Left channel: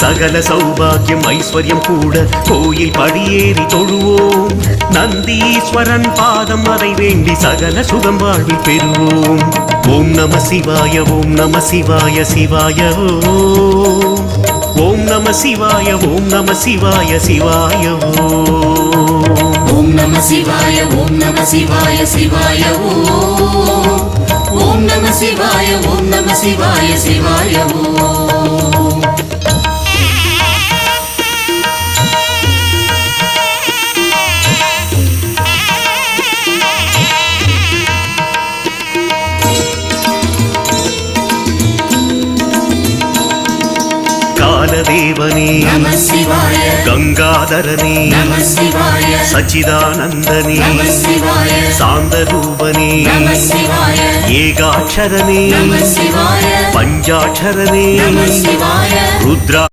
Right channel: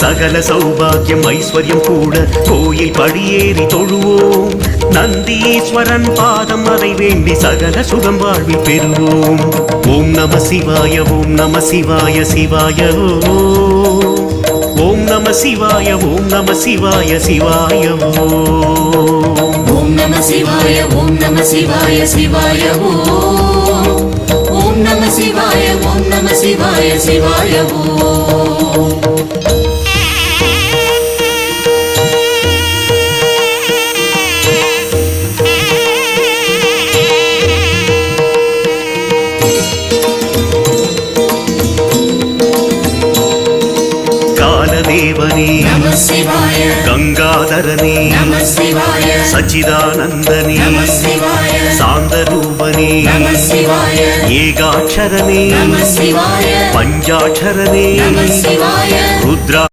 சகல சௌபாகியம் ஐஸ்வர்யம் கூட கோயில் படியேறி தொழுவோம். நந்தீஸ்வரன் பாதம் அதை வேண்டி சகல சுகம் வாழ்வில் பெறுவோம். ஓம் நம சிவாய ஓம் நம சிவாய சிவாய ஓம் நம சிவாய ஓம் நம சிவாய சிவாய ஓம் நம சிவாய ஓம் நம சிவாய சிவாய ஓம் நம சிவாய ஓம் நம சிவாய சிவாய காலதேவனே கங்காதரனே சச்சிதானந்தனே சாந்தரூபனே ஏகாட்சரனே பஞ்சாட்சரனே ருத்ரா